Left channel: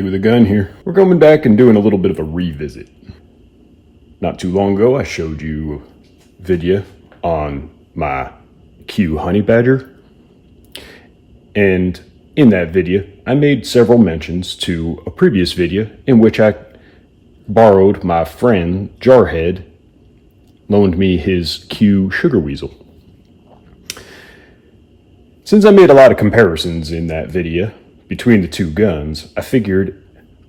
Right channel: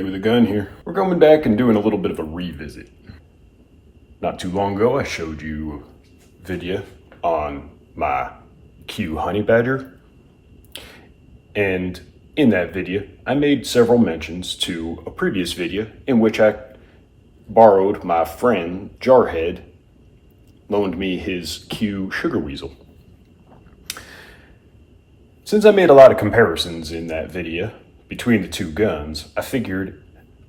Dooshbag with a gun here. We're coming back and doing a little bit of a revisit. Not too long ago, I showed you a video on my Q honey badger. And in that video, I made several mentions to a previous video in which I borrowed my friend Jarhead, loaned me his Q Sugar Weasel. Since I made a lot of comparisons in that video between the two guns, I figured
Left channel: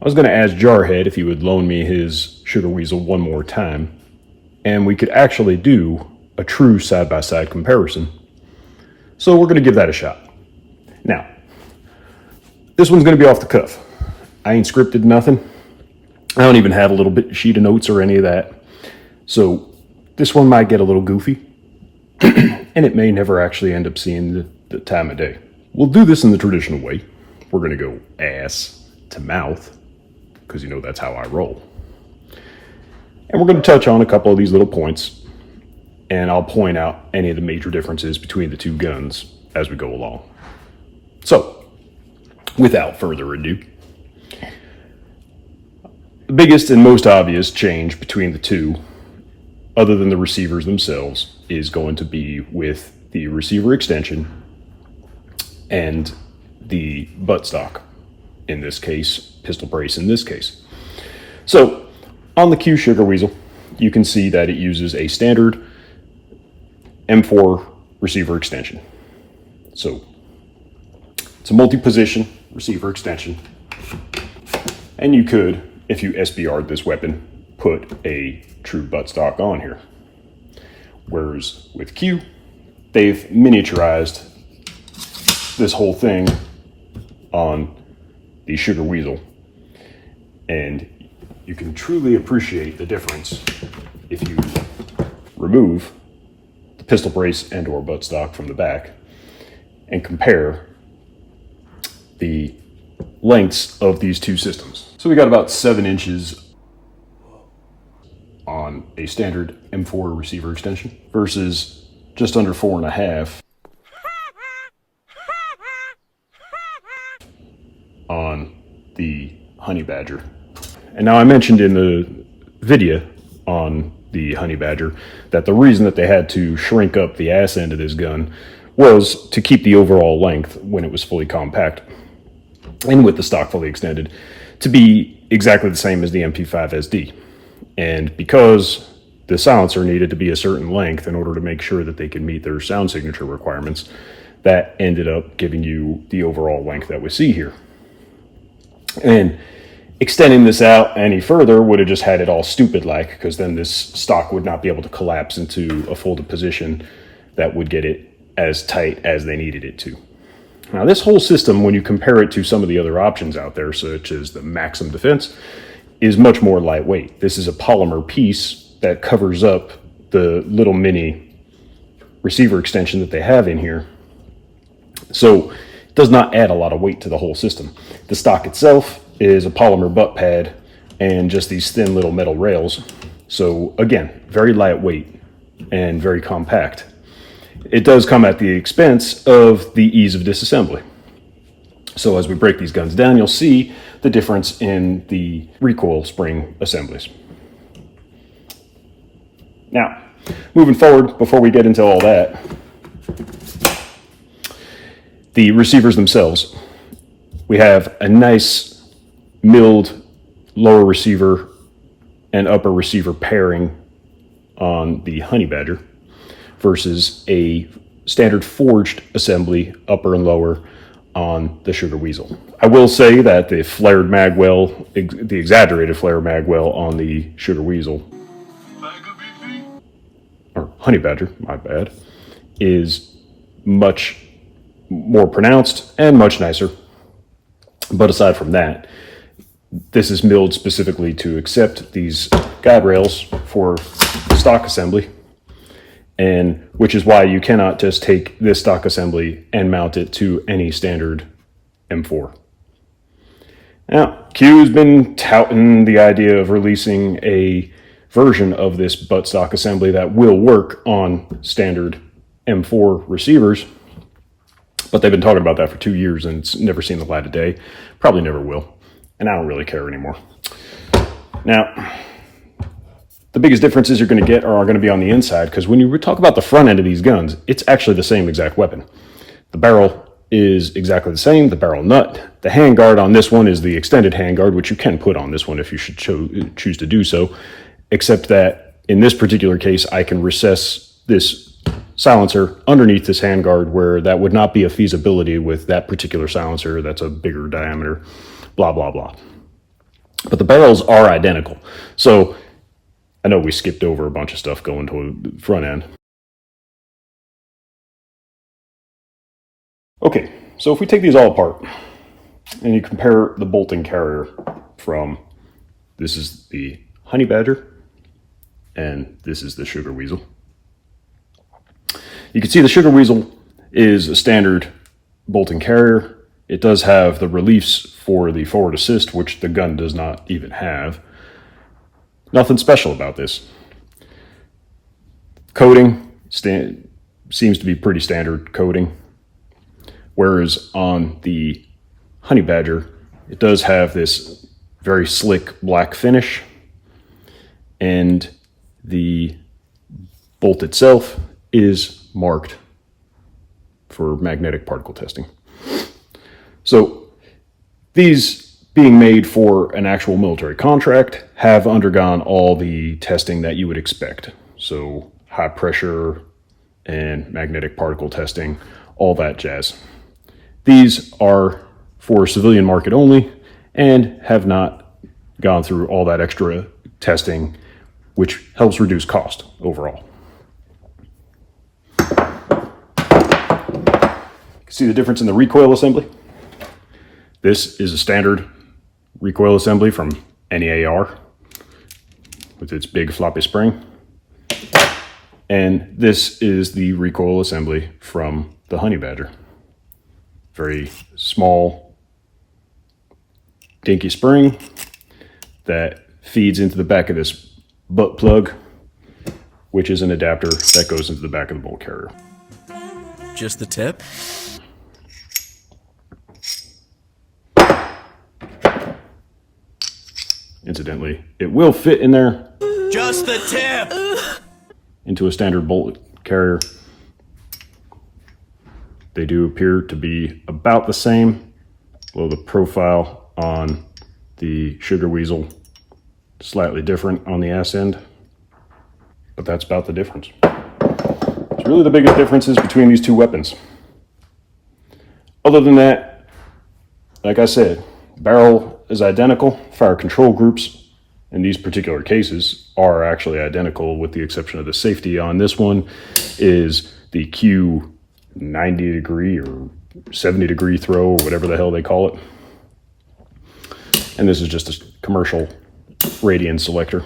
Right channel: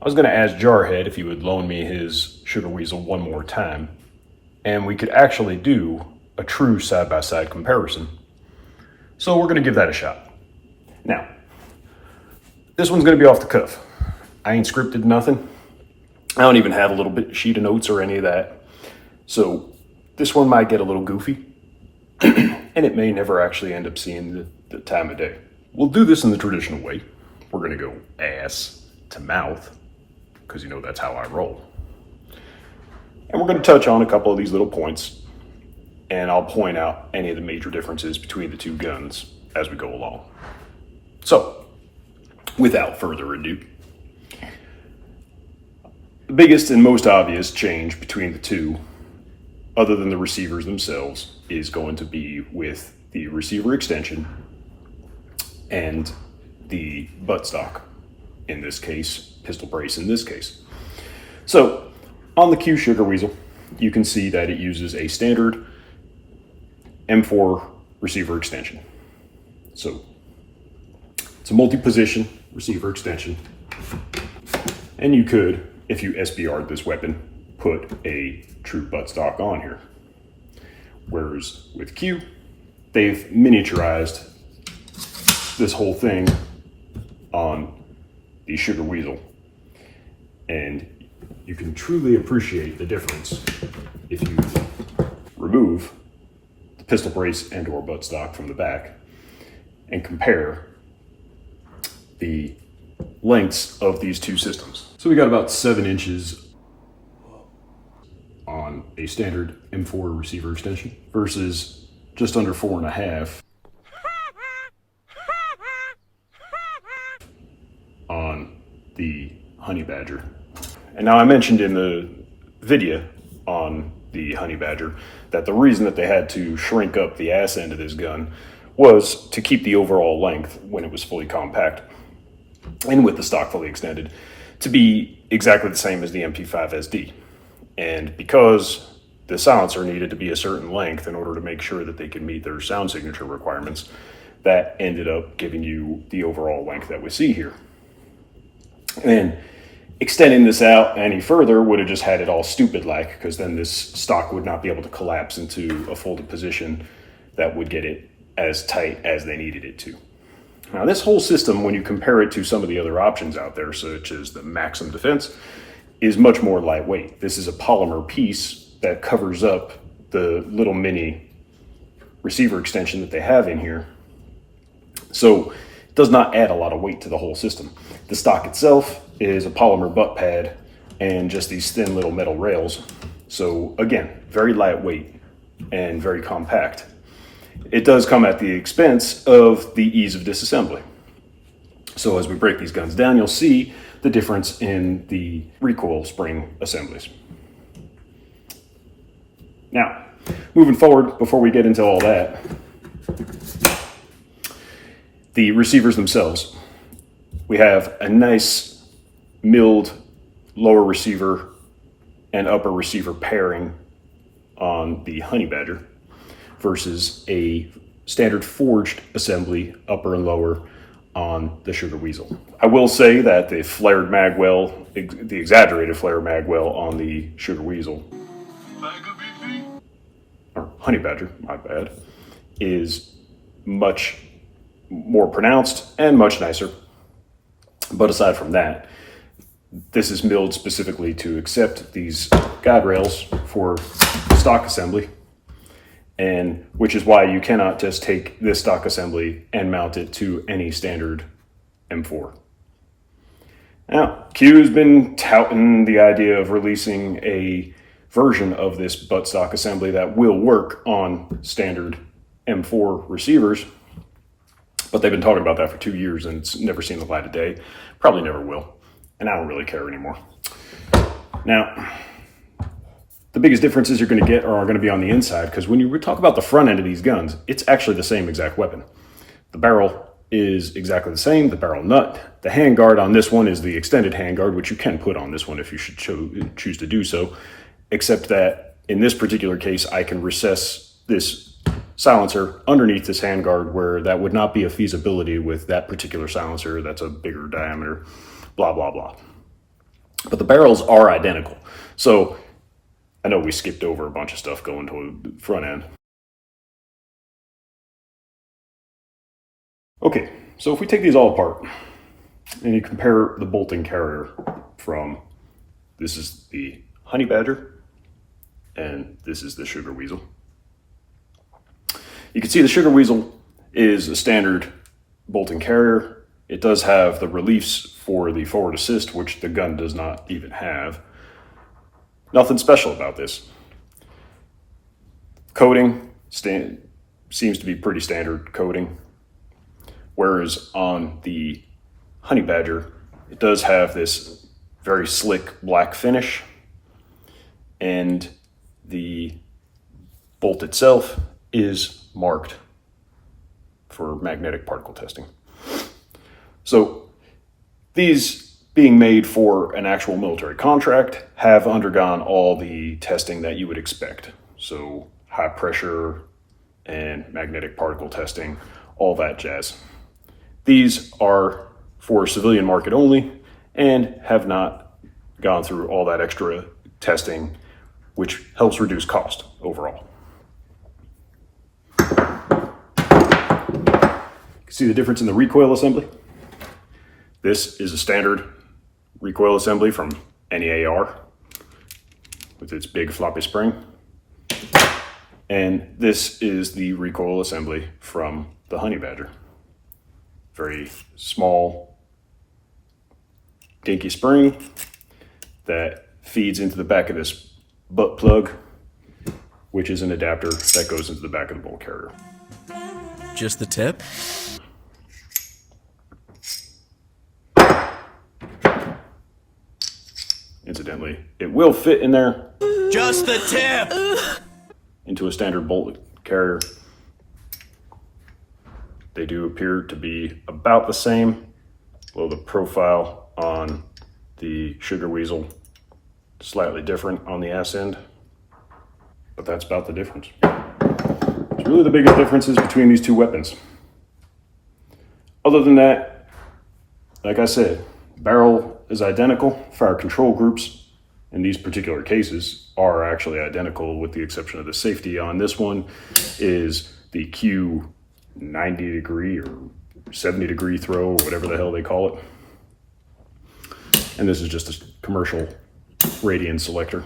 I was going to ask Jarhead if he would loan me his Sugar Weasel one more time, and we could actually do a true side-by-side comparison. So we're going to give that a shot. Now, this one's going to be off the cuff. I ain't scripted nothing. I don't even have a little bit sheet of notes or any of that. So this one might get a little goofy, and it may never actually end up seeing the time of day. We'll do this in the traditional way. We're going to go ass to mouth, because you know that's how I roll. And we're going to touch on a couple of these little points, and I'll point out any of the major differences between the two guns as we go along. So, without further ado, the biggest and most obvious change between the two, other than the receivers themselves, is going to be with the receiver extension and the buttstock, in this case, pistol brace in this case. So, on the Q Sugar Weasel, you can see that it uses a standard M4 receiver extension. So, it's a multi-position receiver extension, and you could, if you SBR'd this weapon, put a true buttstock on here. Whereas with Q, they've miniaturized this whole thing on the Sugar Weasel, and you can truly appreciate the difference if you remove the pistol brace and or buttstock from the back and compare the lengths of these two systems. So we got about 7 inches on a standard M4 receiver extension versus just under 4.5 on the Honey Badger. And now I mentioned in the video on the Honey Badger that the reason that they had to shrink up the ass end of this gun was to keep the overall length when it was fully compact and with the stock fully extended to be exactly the same as the MP5 SD. And because the silencer needed to be a certain length in order to make sure that they could meet their sound signature requirements, that ended up giving you the overall length that we see here. And extending this out any further would have just had it all stupid-like, because then this stock would not be able to collapse into a folded position that would get it as tight as they needed it to. Now, this whole system, when you compare it to some of the other options out there, such as the Maxim Defense, is much more lightweight. This is a polymer piece that covers up the little mini receiver extension that they have in here. So it does not add a lot of weight to the whole system. The stock itself is a polymer butt pad and just these thin little metal rails. So again, very lightweight and very compact. It does come at the expense of the ease of disassembly. So as we break these guns down, you'll see the difference in the recoil spring assemblies. Now, moving forward, before we get into all that, the receivers themselves. We have a nice milled lower receiver and upper receiver pairing on the Honey Badger versus a standard forged assembly, upper and lower, on the Sugar Weasel. I will say that the flared magwell, the exaggerated flare magwell on the Sugar Weasel, or Honey Badger, my bad, is much more pronounced and much nicer. But aside from that, this is milled specifically to accept these guide rails for stock assembly, and which is why you cannot just take this stock assembly and mount it to any standard M4. Now, Q has been touting the idea of releasing a version of this buttstock assembly that will work on standard M4 receivers, but they've been talking about that for 2 years and it's never seen the light of day. Probably never will. and I don't really care anymore. Now, the biggest differences you're going to get are going to be on the inside, because when you talk about the front end of these guns, it's actually the same exact weapon. The barrel is exactly the same, the barrel nut. The handguard on this one is the extended handguard, which you can put on this one if you should choose to do so, except that in this particular case, I can recess this silencer underneath this handguard, where that would not be a feasibility with that particular silencer that's a bigger diameter, blah, blah, blah. But the barrels are identical. So I know we skipped over a bunch of stuff going to the front end. Okay, so if we take these all apart and you compare the bolt and carrier from, this is the Honey Badger and this is the Sugar Weasel. You can see the Sugar Weasel is a standard bolt and carrier. It does have the reliefs for the forward assist, which the gun does not even have. Nothing special about this. Coating seems to be pretty standard coating. Whereas on the Honey Badger, it does have this very slick black finish, and the bolt itself is marked for magnetic particle testing. So these, being made for an actual military contract, have undergone all the testing that you would expect. So high pressure and magnetic particle testing, all that jazz. These are for civilian market only and have not gone through all that extra testing, which helps reduce cost overall. See the difference in the recoil assembly? This is a standard recoil assembly from any AR with its big floppy spring. And this is the recoil assembly from the Honey Badger. Very small, dinky spring that feeds into the back of this butt plug, which is an adapter that goes into the back of the bolt carrier. Just the tip? Incidentally, it will fit in there. Just the tip! Into a standard bolt carrier. They do appear to be about the same, although the profile on the Sugar Weasel slightly different on the ass end, but that's about the difference. It's really the biggest differences between these two weapons. Other than that, like I said, barrel is identical. Fire control groups in these particular cases are actually identical, with the exception of the safety on this one is the Q 90 degree or 70 degree throw, or whatever the hell they call it. And this is just a commercial radian selector.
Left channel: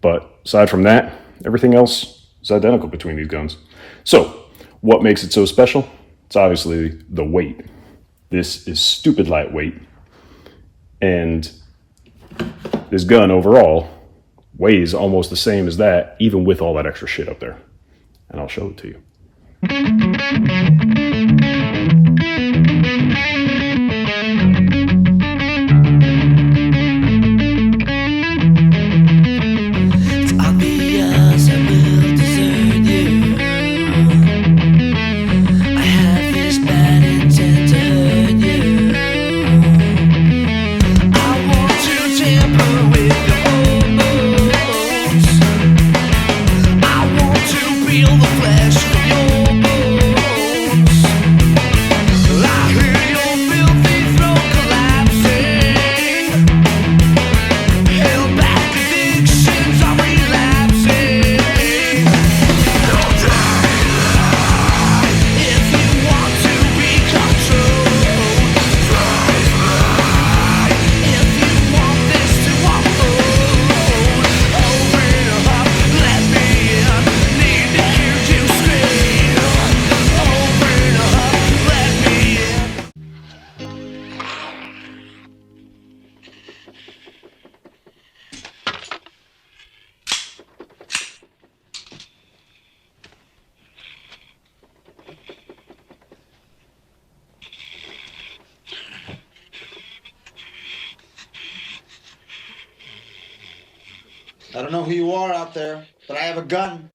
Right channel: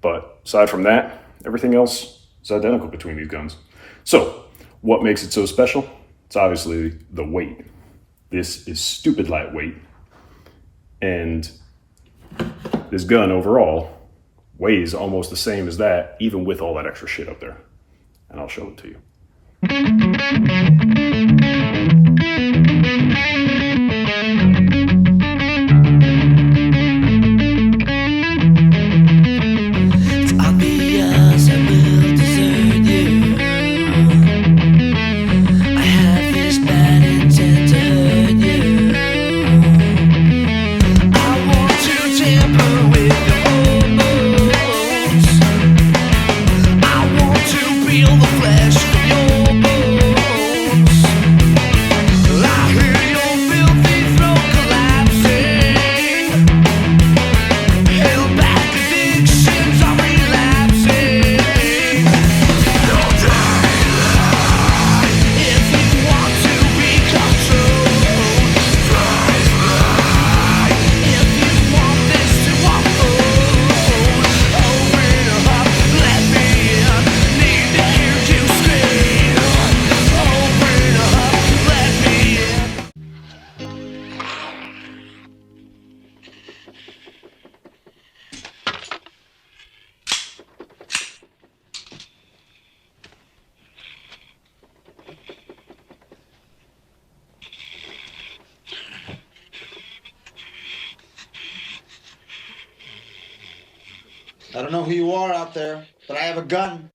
But aside from that, everything else is identical between these guns. So what makes it so special? It's obviously the weight. This is stupid lightweight. And this gun overall weighs almost the same as that, even with all that extra shit up there. And I'll show it to you. It's obvious I will desert you. I have this bad intent to hurt you. I want to tamper with your bones. I want to peel the flesh from your bones. I I don't know who you are out there, but I have a gun.